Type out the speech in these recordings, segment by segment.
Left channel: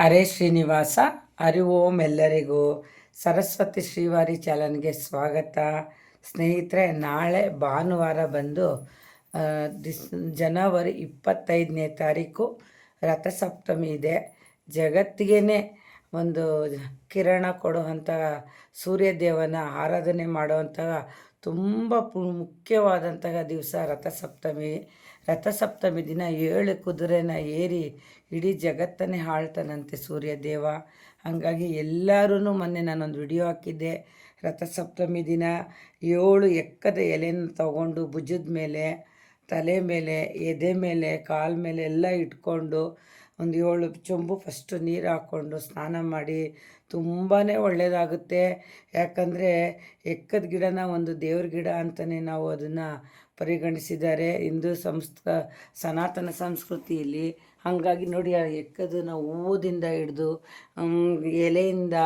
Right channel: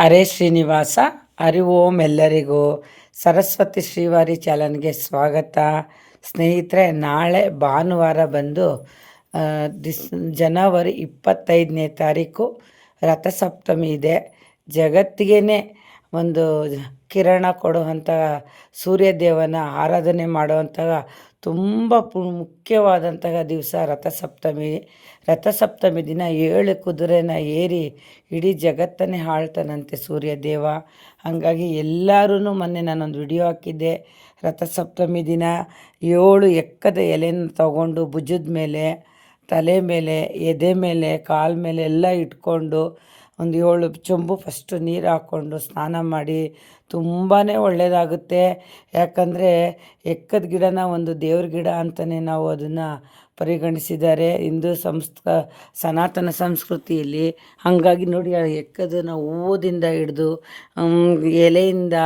ಹರೇ ಶ್ರೀನಿವಾಸ ಹರಿ ಓಂ ಎಲ್ಲರಿಗೂ ಸರಸ್ವತಿ ಶ್ರೀವಾರಿ ಚಾಲನ್ಗೆ ಸ್ವಾಗತ. ಸ್ನೇಹಿತರೆ, ನಾಳೆ ಭಾನುವಾರ ಬಂದು ಡಿಸ್ ಜನವರಿ ಇಪ್ಪತ್ತೈದನೇ ತಾರೀಕು ರಥಸಪ್ತಮಿ ಇದೆ. ಜಗತ್ತಿಗೇ ಒಂದು ಕಿರಣ ಕೊಡುವಂಥ ಸೂರ್ಯದೇವನ ಆರಾಧನೆ ಮಾಡುವಂತಹ ತುಂಬ ಮುಖ್ಯವಾದಂತಹ ದಿವಸ ರಥಸಪ್ತಮಿ. ರಥಸಪ್ತಮಿ ದಿನ ಏಳು ಕುದುರೆನ ಏರಿ ಇಡೀ ಜಗತ್ತನ್ನೇ ಆಳ್ತಾನಂತೆ ಸೂರ್ಯದೇವ ಹಾಗಾಗಿ ಎಲ್ಲರೂ ಮೊನ್ನೆ ನಾನೊಂದು ವಿಡಿಯೋ ಹಾಕಿದ್ದೆ. ರಥಸಪ್ತಮಿ ದಿನ ಏಳು ಎಕ್ಕದ ಎಲೆನ ತಗೊಂಡು ಭುಜದ ಮೇಲೆ, ತಲೆ ಮೇಲೆ, ಎದೆ ಮೇಲೆ, ಕಾಲ ಮೇಲೆ ಎಲ್ಲ ಇಟ್ಕೊಂಡು ಒಂದು ಏಳು ಚೊಂಬು ಫಸ್ಟು ನೀರು ಹಾಕ್ಕೊಂಡು ಸ್ನಾನ ಮಾಡಿ ತುಂಬಾ ಒಳ್ಳೆಯದಾಗುತ್ತೆ ಯಾಕಂದರೆ ಎಕ್ಕದ ಗಿಡನ ಒಂದು ದೇವ್ರ ಗಿಡ ಅಂತಲೇ ನಾವು ಅದನ್ನು ಪರಿಗಣಿಸಿದ್ದಾರೆ. ಹಿಂದೂ ಸಂಸ್ಕ, ಸನಾತನ ಸಂಸ್ಕೃತಿಯಲ್ಲಿ. ಹಾಗಾಗಿ ನೋಡಿ ಎಕ್ಕದನ್ನು ಹೂವುದಿಂದ ಹಿಡಿದು ಎಲೆಯಿಂದ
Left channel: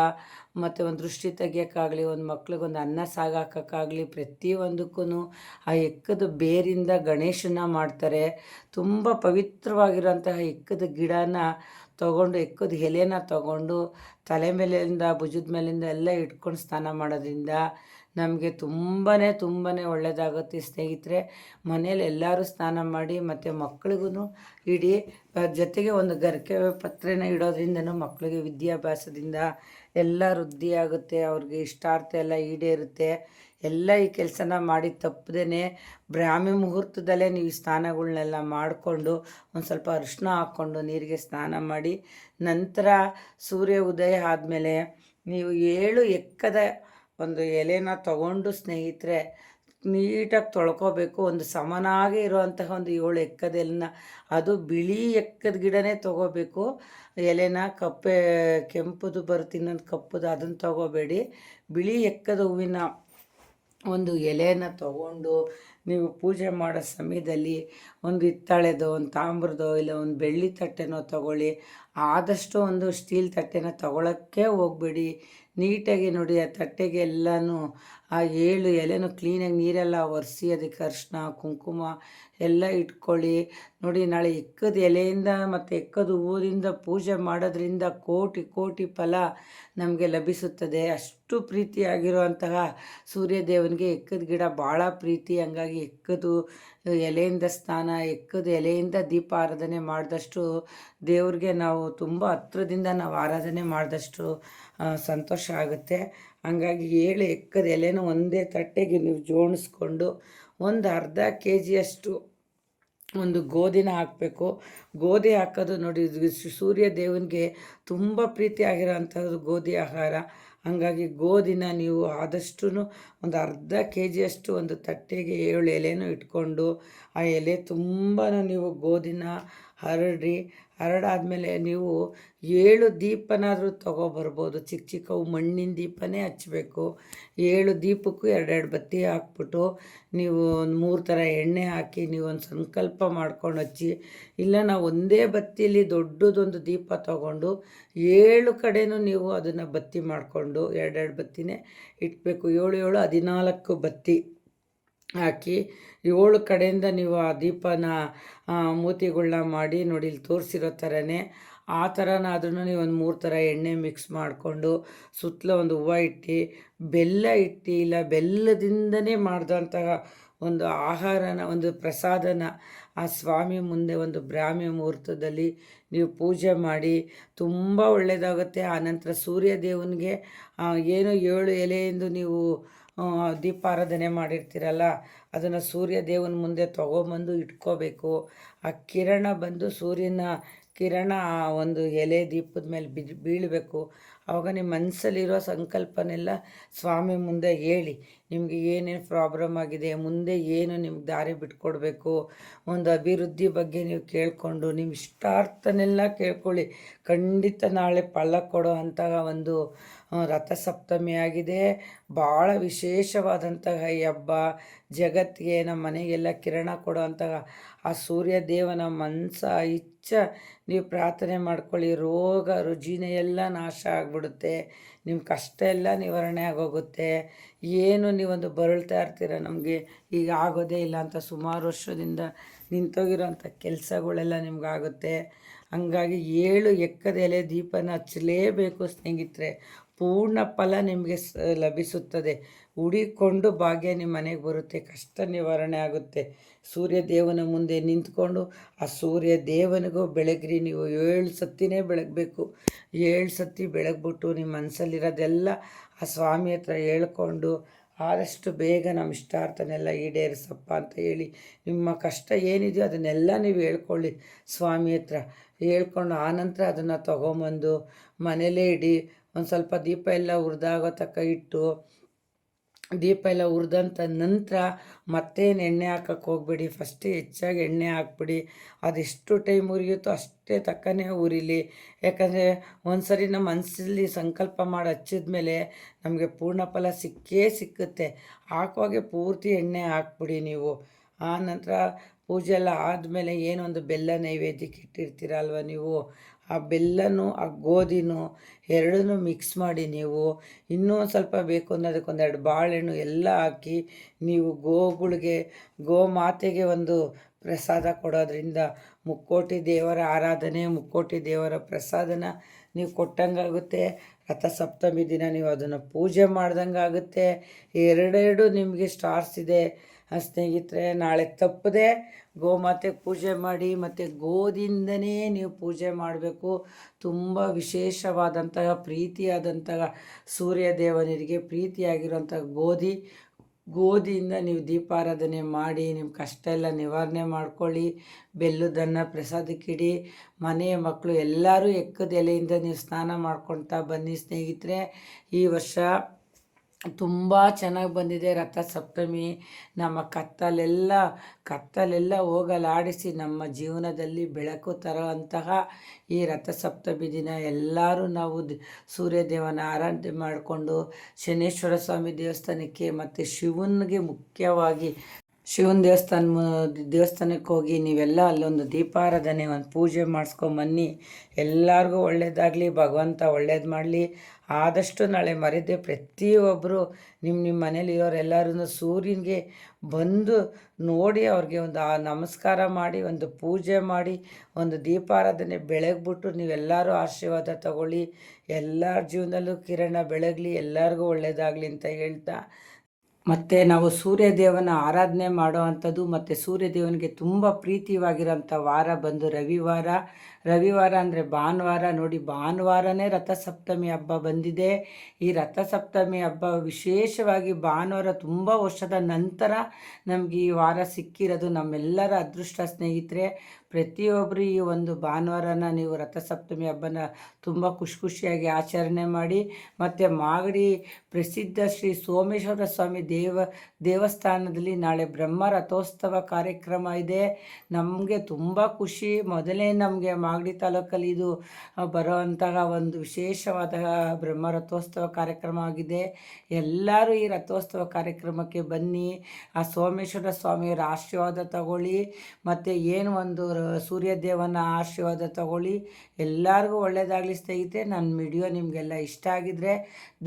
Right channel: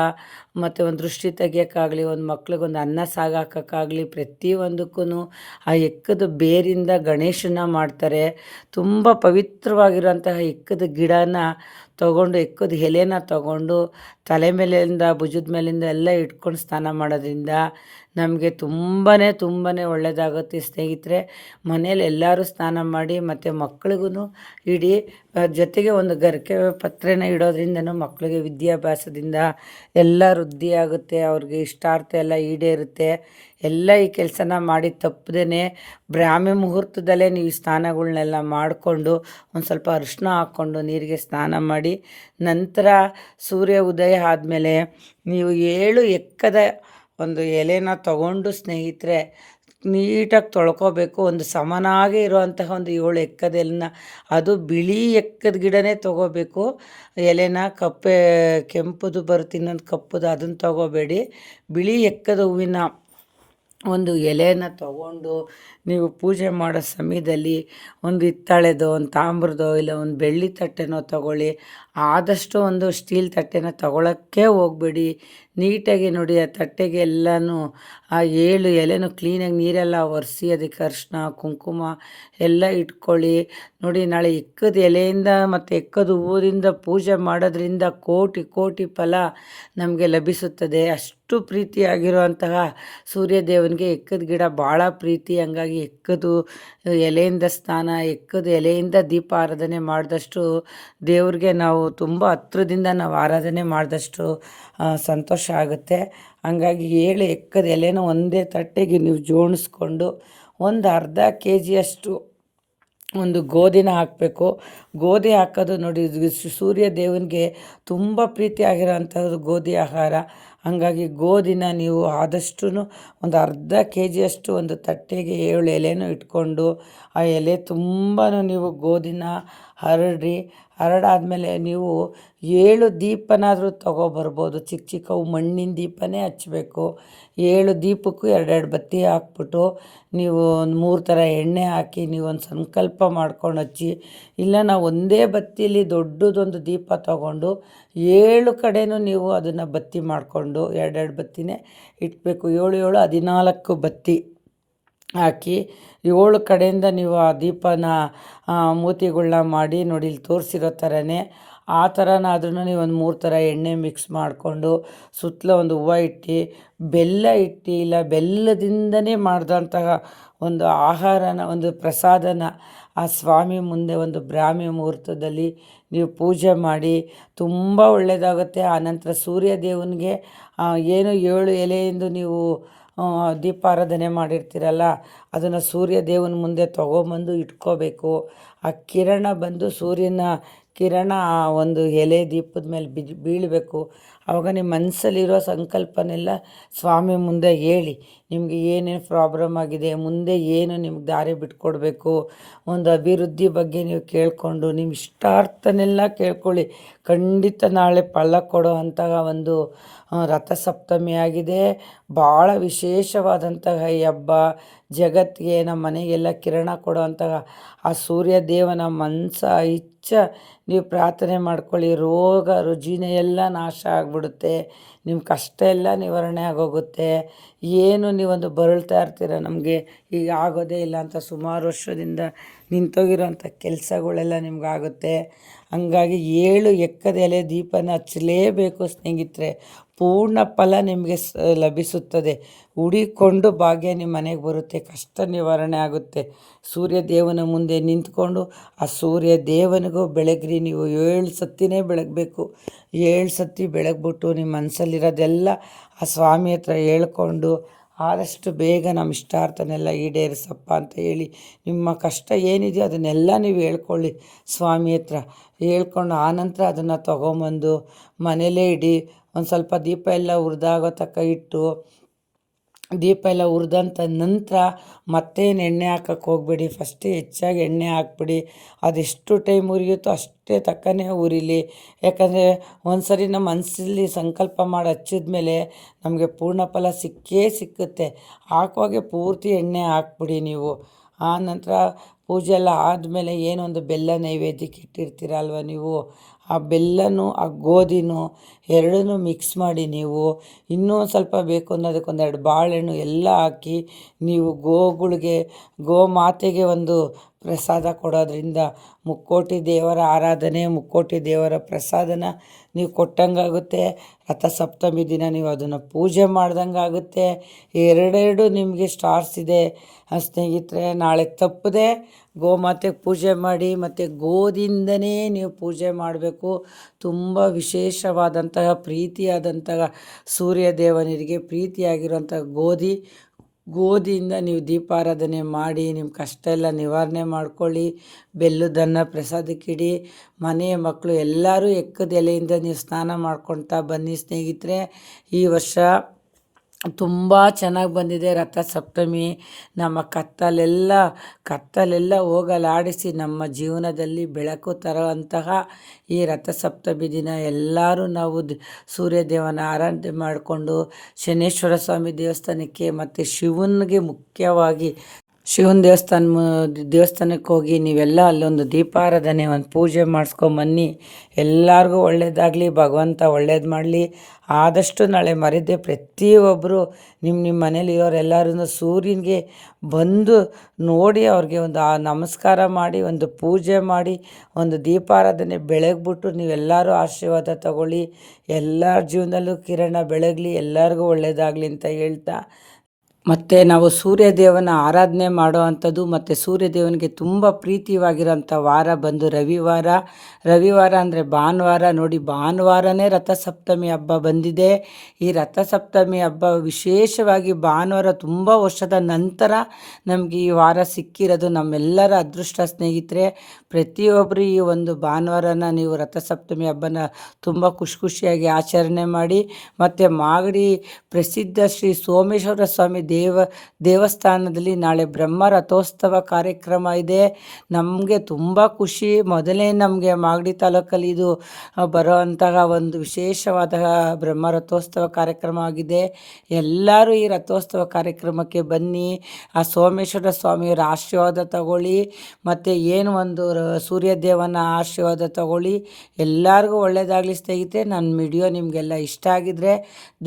ಮತ್ತು ಒಂದು ದೃಷ್ಟಿ ತೆಗಿಯೋಕ್ಕಾಗಲಿ, ಒಂದು ಮಕ್ಳಿಗೊಂದು ಅನ್ನ ಸಾಗಾಕೋಕ್ಕಾಗಲಿ ಪ್ರತಿಯೊಂದಕ್ಕೂ ಆ ಎಕ್ಕದ ಬೇರಿಂದ ಗಣೇಶನ ಮಾಡ್ತಾರೆ. ತುಂಬ ಪವಿತ್ರವಾಗಿರುವಂತಹ ಎಕ್ಕದ ಗಿಡನ ತಗೊಂಡು, ಎಕ್ಕದ ಎಲೆನ ತಗೊಂಡು ತಲೆ ಮೇಲಿಂದ, ಭುಜದ ಮೇಲಿಂದ ಎಲ್ಲ ಇಟ್ಕೊಂಡು ಸ್ನಾನ ಮಾಡೋದ್ರಿಂದ ನಮಗೆ ತುಂಬಾ ತುಂಬಾ ಒಳ್ಳೆಯದಾಗುತ್ತೆ ಸ್ನೇಹಿತರೆ. ಮನೇಲಿ ಎಲ್ಲರೂ ಸ್ನಾನ ಮಾಡಿ ಮತ್ತು ಮಕ್ಳಿಗೂ ಇಡೀ ಜೊತೆಗೆ ಒಂದು ಗರಿಕೆ ಪತ್ರೆನ ಇಡೋದ್ರಿಂದನೂ ಮಕ್ಕಳಿಗೆ ವಿದ್ಯಾಭ್ಯಾಸದಿಂದ ಎಲ್ಲ ವೃದ್ಧಿ ಆಗುತ್ತೆ, ಅವ್ರಿಗೆ ಇಷ್ಟಾರ್ಥ ಎಲ್ಲ ಈಡೇರುತ್ತೆ. ಎಲ್ಲ ಈ ಕೆಲಸನ ಮಾಡಿ ತಪ್ಪದೇ ಬ್ರಾಹ್ಮಿ ಮುಹೂರ್ತದಲ್ಲೇ ನೀವು ಸ್ನಾನಗಳನ್ನೆಲ್ಲ ಮಾಡಿಕೊಂಡು ಒಂದು ಸ್ವಲ್ಪ ಅರಿಶಿನ ಹಾಕ್ಕೊಂಡು ನೀರಿಗೆ ಸ್ನಾನ ಮಾಡಿ ನಂತರ ಸೂರ್ಯ ಉದಯ ಆದಮೇಲೆ ನೀವು ಏಳು ಎಕ್ಕದ ಒಂದು ಎಲೆನ ತಗೊಂಡು ಸ್ನೇಹಿತರೆ, ನೀಟಾಗಿ ತೊಳ್ಕೊಬೇಕು. ಒಂದು ಸಮನಾಗಿ ಇರುವಂತಹ ಒಂದು ಏಳು ಎಕ್ಕದ ಎಲೆನ, ಅದು ಬಿಳಿ ಎಕ್ಕದ ಗಿಡನೇ ತೊಗೋಬೇಕು. ಎಲೆನ ಕಪ್ಪೆ, ಕೆಂಪುದು ಬರುತ್ತೆ, ಇನ್ನೊಂದು ಕಪ್ಪುದು, ಅದನ್ನು ತೊಗೋಬೇಡಿ. ಬಿಳಿ ಎಕ್ಕದ ಹೂವಿನ ಒಂದು ಎಲೆನ ತಗೊಂಡು ನೀವು ಪೂಜೆ ಮಾಡೋ ಸಮಯದಲ್ಲಿ ಒಂದು ಹಿತ್ತಾಳೆದೋ, ಒಂದು ತಾಮ್ರದೋ, ಇಲ್ಲ ಒಂದು ಬೆಳ್ಳಿ ತಟ್ಟೆನೋ ತಗೊಳ್ಳಿ. ಆದಷ್ಟು ಒಂದು ಸ್ಟೀಲ್ ತಟ್ಟೆನ ತಗೊಳ್ಳೋಕ್ಕೆ ಹೋಗಬೇಡಿ. ನೀಟಾಗಿ ನೋಡಿ ಆ ತಟ್ಟೆಗೆ ಎಲ್ಲನೂ, ಆ ಏಳು ಎಲೆನೂ ಕ್ಲೀನಾಗಿ ನೀರೆಲ್ಲ ಒರೆಸಿ ಅದಕ್ಕೆ ಅರಿಶಿನ ಕುಂಕುಮ ಎಲ್ಲ ಇಟ್ಕೊಳ್ಳಿ. ನೋಡಿ ನಾಳೆ ಎಕ್ಕದ ಎಲೆಯಿಂದ ಮತ್ತು ಎಕ್ಕದ ಹೂವಿಂದ ಪೂಜೆ ಮಾಡೋದ್ರಿಂದ ಕೋಟಿ ಕೋಟಿ ಫಲ ನಮಗೆ ಲಭಿಸುತ್ತದೆ. ಅಷ್ಟು ಪ್ರೀತಿಯಾಗಿರುವಂತಹ ಸೂರ್ಯದೇವನಿಗೆ ಎಕ್ಕದ ಗಿಡ ಭಾಳ ಪ್ರೀತಿ. ಹಂಗಾಗಿ ಎಕ್ಕದು ಎಲೆಯಿಂದ ಸ್ನಾನ, ಎಕ್ಕದ ಎಲೆಯಿಂದ ದೀಪ ಆರಾಧನೆ ಮಾಡಿದಷ್ಟು ದೇವ್ರಿಗೆ ನಾವು ತುಂಬ ಹತ್ರದಿಂದ ನಾವು ಆರಾಧನೆ ಮಾಡಿದಷ್ಟು ಸಂತೋಷ ಆಗುತ್ತೆ. ಹಾಗಾಗಿ ಏಳು ಎಕ್ಕದ ಎಲೆನ ಒಂದೇ ತಟ್ಟೆಗೆ ನೀವು ಜೋಡಿಸ್ಕೊಂಡು ಒಂದು ಅರ್ಧ ಕೆ ಜಿಯಷ್ಟು ಒಂದು ಗೋಧಿನ ಹಾಕಬೇಕು. ಗೋಧಿ ಹಾಕೋದು ನೋಡಿ ಸೂರ್ಯ ದೇವನಿಗೆ ತುಂಬ ಪ್ರೀತಿ ಗೋಧಿ ಆಹಾರ. ಹಾಗಾಗಿ ಗೋಧಿನ ನೀವು ಆದಷ್ಟು ಒಂದು ಅರ್ಧ ಕೆ ಜಿಯಷ್ಟು ಒಂದು ತಟ್ಟೆಗೆ ಏಳು ಎಲೆನೂ ಇಟ್ಕೊಂಡು ಆ ಎಲೆ ತುಂಬಾ ನೀವು ಗೋಧಿನ ಹರಡ್ರಿ ಹರಡಾದ್ಮೇಲೆ ನೀವು ಏಳು ದೀಪನಾದರೂ ತೊಗೊಬರ್ಬೋದು. ಚಿಕ್ಕ ಚಿಕ್ಕವು ಮಣ್ಣಿನ ದೀಪನೇ ಹಚ್ಚಬೇಕು ಏಳು ದೀಪಕ್ಕೂ ಎರಡೆರಡು ಬತ್ತಿ ಹಾಕ್ಬಿಟ್ಟು ನೀವು ಒಂದು ಮೂರು ಥರ ಎಣ್ಣೆ ಹಾಕಿ ನೀವು ಒಂದು ಸಂಕಲ್ಪ ಮಾಡ್ಕೊಂಡು ಹಚ್ಚಿ, ಇಲ್ಲ ನಾವು ಒಂದೇ ಬತ್ತಿಯಲ್ಲಿ ದೊಡ್ಡದೊಂದು ದೀಪ ತಗೊಂಡು ಏಳು ಕಡೆನೂ ನೀವು ಅದನ್ನು ಬತ್ತಿ ಮಾಡಿಕೊಂಡು ಎರಡೆರಡು ಬತ್ತಿನೇ ಇಟ್ಬೇಕು. ಏಳು ಏಳು ಹದಿನಾಲ್ಕು ಬತ್ತಿ ಹಾಕಿ ಏಳು ಕಡೆಯಿಂದ ನೀವು ಆ ದೀಪನ ಮೂತಿಗಳ್ನ ಮಾಡಿ ನೋಡಿ ಇಲ್ಲಿ ತೋರಿಸಿರೋ ಥರನೇ ಆ ಥರನಾದ್ರೂ ನೀವು ಒಂದು ಮೂರು ಥರ ಎಣ್ಣೆ ಮಿಕ್ಸ್ ಮಾಡಿಕೊಂಡು ಸುತ್ತಲೂ ಒಂದು ಹೂವು ಇಟ್ಟು, ಬೆಲ್ಲ ಇಟ್ಟು, ಇಲ್ಲ ಬೆಲ್ಲದಿಂದನೇ ಮಾಡಿದಂತಹ ಒಂದು ಆಹಾರನ, ಒಂದು ಪ್ರಸಾದನ ಆ ಸ್ವಾಮಿ ಮುಂದೆ ಒಂದು ಬ್ರಾಹ್ಮಿ ಮುಹೂರ್ತದಲ್ಲಿ ನೀವು ಪೂಜೆ ಮಾಡಿ, ತುಂಬ ಒಳ್ಳೆಯದಾಗುತ್ತೆ ಆನಂತರ ಸೂರ್ಯ ದೇವನಿಗೆ ಏನು ಏಳು ಎಲೆಯಿಂದ ನೀವು ದೀಪಾರಾಧನೆ ಮಾಡಿರ್ತೀರಲ್ಲ, ಅದನ್ನು ಸೂರ್ಯ ದೇವನ ಮುಂದೆ ತೊಗೊಂಬಂದು ಇಟ್ಕೋಬೇಕು. ಆ ಕಿರಣ ಬಂದು ಸೂರ್ಯನ ಕಿರಣ ಆ ಒಂದು ಎಲೆ ದೀಪದ ಮೇಲೆ ಬಿದ್ದು ಬೀಳಬೇಕು. ಆವಾಗ ನಿಮ್ಮ ಮನಸ್ಸಲ್ಲಿರೋ ಸಂಕಲ್ಪನೆಲ್ಲ ಸ್ವಾಮಿ ಮುಂದೆ ಹೇಳಿ. ನಿಮಗೆ ಏನೇನು ಪ್ರಾಬ್ಲಮ್ ಆಗಿದೆ, ಮುಂದೆ ಏನು ನಿಮ್ಗೆ ದಾರಿ ಬಿಟ್ಕೊಡ್ಬೇಕು, ಒಂದು ಅಭಿವೃದ್ಧಿ ಬಗ್ಗೆ ನೀವು ಕೇಳಿಕೊಂಡು ನಿಮ್ಮ ಇಷ್ಟಾರ್ಥನೆಲ್ಲ ಕೇಳ್ಕೊಳ್ಳಿ. ಖಂಡಿತ ನಾಳೆ ಫಲ ಕೊಡೋ ಒಂದು ರಥಸಪ್ತಮಿ ಆಗಿದೆ. ಭಾಳ ವಿಶೇಷವಾದಂತಹ ಈ ಹಬ್ಬ. ಜಗತ್ತಿಗೆ ನಮ್ಮ ಮನೆಗೆಲ್ಲ ಕಿರಣ ಕೊಡುವಂತಹ ಆ ಸೂರ್ಯ ದೇವನ ಮನಸ, ಇಚ್ಛ, ನೀವು ಪ್ರಾರ್ಥನೆ ಮಾಡ್ಕೊಳ್ಳಿ. ರೋಗ, ರುಜಿನ ಎಲ್ಲ ನಾಶ ಆಗಿಬಿಡುತ್ತೆ. ನಿಮ್ಮ ಕಷ್ಟ ಎಲ್ಲ ನಿವಾರಣೆ ಆಗೋಗುತ್ತೆ. ಏನು ನೀವೊಂದು ಬರಳ್ತಾ ಇರ್ತೀರ? ನಮಗೆ ಈಗ ಆಗೋದೇ ಇಲ್ಲ ಅಂತ ಸುಮಾರು ವರ್ಷದಿಂದ ನಿಂತೋಗಿರೋಂಥ ಕೆಲಸಗಳೆಲ್ಲ ನಿಮ್ಗಾಗುತ್ತೆ. ಹಂಗಾಗಿ ಏಳು ಎಕ್ಕದ ಎಲೆ ದೀಪನ ಹಚ್ಚಲೇಬೇಕು ಸ್ನೇಹಿತರೆ. ಪೂರ್ಣ ಫಲ ನಿಮಗೆ ಲಭಿಸುತ್ತದೆ. ಉಡಿಕೊಂಡು ಭಾಗ್ಯ ನಿಮ್ಮ ಮನೆಗೆ ಬರುತ್ತೆ. ಕಷ್ಟ ನಿವಾರಣೆ ಆಗುತ್ತೆ. ಸೂರ್ಯ ದೇವನ ಮುಂದೆ ನಿಂತ್ಕೊಂಡು ಆ ಸೂರ್ಯ ದೇವನಿಗೂ ಬೆಳಗ್ರಿ. ನೀವು ಏಳು ಸತ್ತಿನೇ ಬೆಳಗಬೇಕು. ಏಳು ಸತಿ ಬೆಳಗ್ಬಿಟ್ಟು ನಿಮ್ಮ ಮನಸ್ಸಲ್ಲಿರೋದೆಲ್ಲ ಆ ಸ್ವಾಮಿ ಹತ್ರ ಹೇಳ್ಕೊಂಡು ಆದಷ್ಟು ಬೇಗ ನಮ್ಮ ಇಷ್ಟಾರ್ಥನೆಲ್ಲ ಈಡೇರಿಸಪ್ಪ ಅಂತ ಹೇಳಿ ನಿಮ್ಮ ಕಷ್ಟ ಏನಿದೆಯೋ ಅದನ್ನೆಲ್ಲ ನೀವು ಹೇಳ್ಕೊಳ್ಳಿ ಸ್ವಾಮಿ ಹತ್ರ. ಹೇಳ್ಕೊಂಡು ಆನಂತರ ಅದನ್ನು ತೊಗೊಂಬಂದು ಮನೇಲೇ ಇಡಿ. ಒಂದು ಸ್ವಲ್ಪ ದೀಪ ಎಲ್ಲ ಉರಿದಾಗೋ ತಕ್ಕ ಇಟ್ಟು, ದೀಪ ಎಲ್ಲ ಉರಿದಂಥ ನಂತರ ಮತ್ತೇನು ಎಣ್ಣೆ ಹಾಕಕ್ಕೆ ಹೋಗಬೇಡಿ. ಫಸ್ಟೇ ಹೆಚ್ಚಾಗಿ ಎಣ್ಣೆ ಹಾಕ್ಬಿಡಿ. ಅದೆಷ್ಟು ಟೈಮ್ ಉರಿಯುತ್ತೋ ಅಷ್ಟೇ ತಕ್ಕನೇ ಉರಿಲಿ. ಯಾಕಂದರೆ ಒಂದು ಸರಿ ನಮ್ಮ ಮನಸ್ಸಲ್ಲಿ ಸಂಕಲ್ಪ ಮಾಡಿ ಹಚ್ಚಿದ ಮೇಲೆ ನಮಗೆ ಪೂರ್ಣ ಫಲ ಸಿಕ್ಕೇ ಸಿಕ್ಕುತ್ತೆ. ಹಾಕುವಾಗೆ ಪೂರ್ತಿ ಎಣ್ಣೆ ಹಾಕ್ಬಿಡಿ ನೀವು. ಆ ನಂತರ ಪೂಜೆ ಎಲ್ಲ ಆದಮೇಲೆ ಏನೊಂದು ಬೆಲ್ಲ ನೈವೇದ್ಯಕ್ಕೆ ಇಟ್ಟಿರ್ತೀರಲ್ವ ನೀವು? ಆ ಬೆಲ್ಲನೂ, ಆ ಗೋಧಿನೂ ಎರಡನ್ನೂ ಮಿಕ್ಸ್ ಮಾಡಿ ನೀವು ಇನ್ನೂ ಸ್ವಲ್ಪ ಬೇಕು ಅನ್ನೋದಕ್ಕೆ ಒಂದೆರಡು ಬಾಳೆಹಣ್ಣು ಎಲ್ಲ ಹಾಕಿ ನೀವು ಗೋಗಳಿಗೆ ಗೋಮಾತೆಗೆ ಒಂದು ಪ್ರಸಾದ ಕೊಡೋದ್ರಿಂದ ಮುಕ್ಕೋಟಿ ದೇವರ ಆರಾಧನೆ, ಮುಕ್ಕೋಟಿ ದೇವರ ಪ್ರಸಾದನ ನೀವು ಕೊಟ್ಟಂಗಾಗುತ್ತೆ. ರಥಸಪ್ತಮಿ ದಿನ ನೀವು ಅದನ್ನು ಪೂಜೆ ಮಾಡ್ದಂಗೆ ಆಗುತ್ತೆ ಎರಡೆರಡು ನಿಮಗೆ ಸ್ಟಾರ್ಸ್ ಇದೆ. ಸ್ನೇಹಿತರೆ, ನಾಳೆ ತಪ್ಪದೆ ಗೋಮಾತೆಗೆ ಪೂಜೆ ಮಾಡಿ ಮತ್ತು ಗೋದಿಂದನೇ ನೀವು ಪೂಜೆ ಮಾಡಬೇಕು. ತುಂಬ ವಿಶೇಷವಾದಂತಹ ಪ್ರೀತಿಯಾದಂತಹ ಸೂರ್ಯ ದೇವನಿಗೆ ಪ್ರೀತಿಯಾಗಿರುವಂಥ ಗೋಧಿ, ಗೋಧಿಯಿಂದ ನೀವು ದೀಪಾರಾಧನೆ ಮಾಡಿ, ನಿಮ್ಮ ಕಷ್ಟ ಎಲ್ಲ ನಿವಾರಣೆ ಮಾಡ್ಕೊಳ್ಳಿ, ಬೆಲ್ಲದನ್ನು ಪ್ರಸಾದಕ್ಕಿಡಿ ಮನೆಯ ಮಕ್ಕಳು ಎಲ್ಲರೂ ಎಕ್ಕದ ಎಲೆಯಿಂದ ನೀವು ಸ್ನಾನ ಮಾಡ್ಕೊಳ್ತಾ ಬನ್ನಿ ಸ್ನೇಹಿತರೆ. ಈ ವರ್ಷ ತುಂಬ ಚೆನ್ನಾಗಿ ಬಂದಿದೆ ರಥಸಪ್ತಮಿ. ನಮ್ಮ ಕತ್ತಲೆಲ್ಲ ಕತ್ತಲೆಲ್ಲ ಹೋಗಲಾಡಿಸಿ ನಮ್ಮ ಜೀವನದಲ್ಲಿ ಬೆಳಕು ತರುವಂತಹ ಈ ರಥಸಪ್ತಮಿ ದಿನ ಎಲ್ಲರೂ ನಾವು ಸೂರ್ಯದೇವನ ಆರಾಧನೆ ಮಾಡಿಕೊಂಡು ಶನೇಶ್ವರ ಸ್ವಾಮಿ ದೇವಸ್ಥಾನಕ್ಕೆ ಮತ್ತು ಶಿವನಿಗೆ ಮುಖ್ಯವಾಗಿ, ಶಿವನ ದೇವಸ್ಥಾನ ದೇವಸ್ಥಾನಕ್ಕೆ ಹೋಗಿ ನೀವೆಲ್ಲ ಅಲ್ಲೊಂದು ದೀಪಾರಾಧನೆ ಒಂದು ಪೂಜೆ ಮಾಡಿಸ್ಕೊಂಬನ್ನಿ. ಎಲ್ಲರಿಗೂ ಒಳ್ಳೆಯದಾಗಲಿ ಭಗವಂತ ಒಳ್ಳೇದು ಮಾಡಲಿ. ಆದಷ್ಟು ನಾಳೆ ಮರೆದೇ ಪ್ರತಿಯೊಬ್ಬರು ನಿಮ್ಮ ನಿಮ್ಮ ಮನೇಲಿ ಇರೋರೆಲ್ಲರೂ ಸೂರ್ಯನಿಗೆ ಬಂದು ನೋಡಿ ಅವ್ರಿಗೆ ಒಂದು ಆ ನಮಸ್ಕಾರ ಮಾಡಿ, ಒಂದು ಪೂಜೆ ಮಾಡಿ, ಒಂದು ದೀಪಾರಾಧನೆ ಬೆಳಗ್ಬಿಟ್ಟು ನೀವೆಲ್ಲರೂ ಆಶೀರ್ವಾದ ತಗೊಳ್ಳಿ. ಎಲ್ಲರ ಜೀವನದಲ್ಲೂ ಕಿರಣ ಬೆಳಗಲಿ, ಎಲ್ಲರಿಗೂ ಒಳ್ಳೆಯದಾಗಲಿ ಅಂತ ಹೇಳ್ತಾ ಮತ್ತು ನಾವು ಸೂರ್ಯದೇವನ ಆರಾಧನೆ ಮಾಡೋ ಅಂಥದ್ದು ಮತ್ತು ಸೂರ್ಯದೇವನಿಗೆ ತುಂಬ ಪ್ರೀತಿಯಾಗಿರೋಂಥ ವಾರ ಬಂದು ರವಿವಾರ. ರವಿವಾರ ಅಂದರೆ ಭಾನುವಾರ. ನೋಡಿ, ಭಾನುವಾರನೇ ರಥಸಪ್ತಮಿ ಹಬ್ಬ ಬಂದಿದೆ. ಈ ರಥಸಪ್ತಮಿ ಹಬ್ಬ ವಿಶೇಷವಾಗಿ ಭಾನುವಾರ ತುಂಬ ವರ್ಷದ ನಂತರ ನಮಗೆ ಈ ವಾರ ಸಿಕ್ಕಿರೋದು ನಮ್ಮೆಲ್ಲರ ಅದೃಷ್ಟ ಸ್ನೇಹಿತರೆ. ಪ್ರತಿಯೊಬ್ಬರು ಈ ಒಂದು ಭಾನುವಾರನ ನೀವು ರಥಸಪ್ತಮಿ ಹಬ್ಬನ ತುಂಬ ಖುಷಿ ಖುಷಿಯಾಗಿ ಆಚರಣೆ ಮಾಡಿ, ಮತ್ತು ಮಾಗಡಿ ಪ್ರಸಿದ್ಧ ಶ್ರೀ ಸೋಮೇಶ್ವರ ಸ್ವಾಮಿ ದೇವ, ದೇವಸ್ಥಾನದಲ್ಲಿ ನಾಳೆ ಬ್ರಹ್ಮ ರಥೋತ್ಸವ ಕಾರ್ಯಕ್ರಮ ಇದೆ. ನಮಗೆ ತುಂಬ ಖುಷಿ. ಮೊದಲೇ ನಮಗೆ ಮಾಗಡಿ ತಾಲೂಕಲ್ಲಿ ಇದು ಬರೋವಂತಹ ಒಂದು ವಿಶೇಷವಾದ ಬ್ರಹ್ಮ ರಥೋತ್ಸವ ಕಾರ್ಯಕ್ರಮ ಆಗಿದೆ. ಎಲ್ಲರೂ ಈ ರಥೋತ್ಸವ ಕಾರ್ಯಕ್ರಮಕ್ಕೆ ಬನ್ನಿ. ಆ ಸೋಮೇಶ್ವರ ಸ್ವಾಮಿಯವರ ಆಶೀರ್ವಾದ ತಗೊಳ್ಳಿ. ಮತ್ತು ಏನು ಒಂದು ಸೂರ್ಯದೇವನ ಆಶೀರ್ವಾದ ತಗೊಳ್ಳಿ. ಎಲ್ಲರಿಗೂ ಒಳ್ಳೆಯದಾಗಲಿ ಸ್ನೇಹಿತರೆ. ನನ್ನ ವಿಡಿಯೋ ನಿಮಗೆಲ್ಲ ಇಷ್ಟ ಆಗಿದ್ರೆ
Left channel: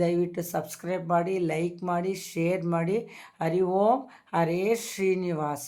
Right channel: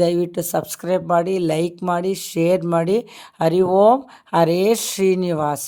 ದಯವಿಟ್ಟು ಸಬ್ಸ್ಕ್ರೈಬ್ ಮಾಡಿ, ಲೈಕ್ ಮಾಡಿ, ಶೇರ್ ಮಾಡಿ ಹರಿ ಓಂ ಹರೇ ಶ್ರೀನಿವಾಸ.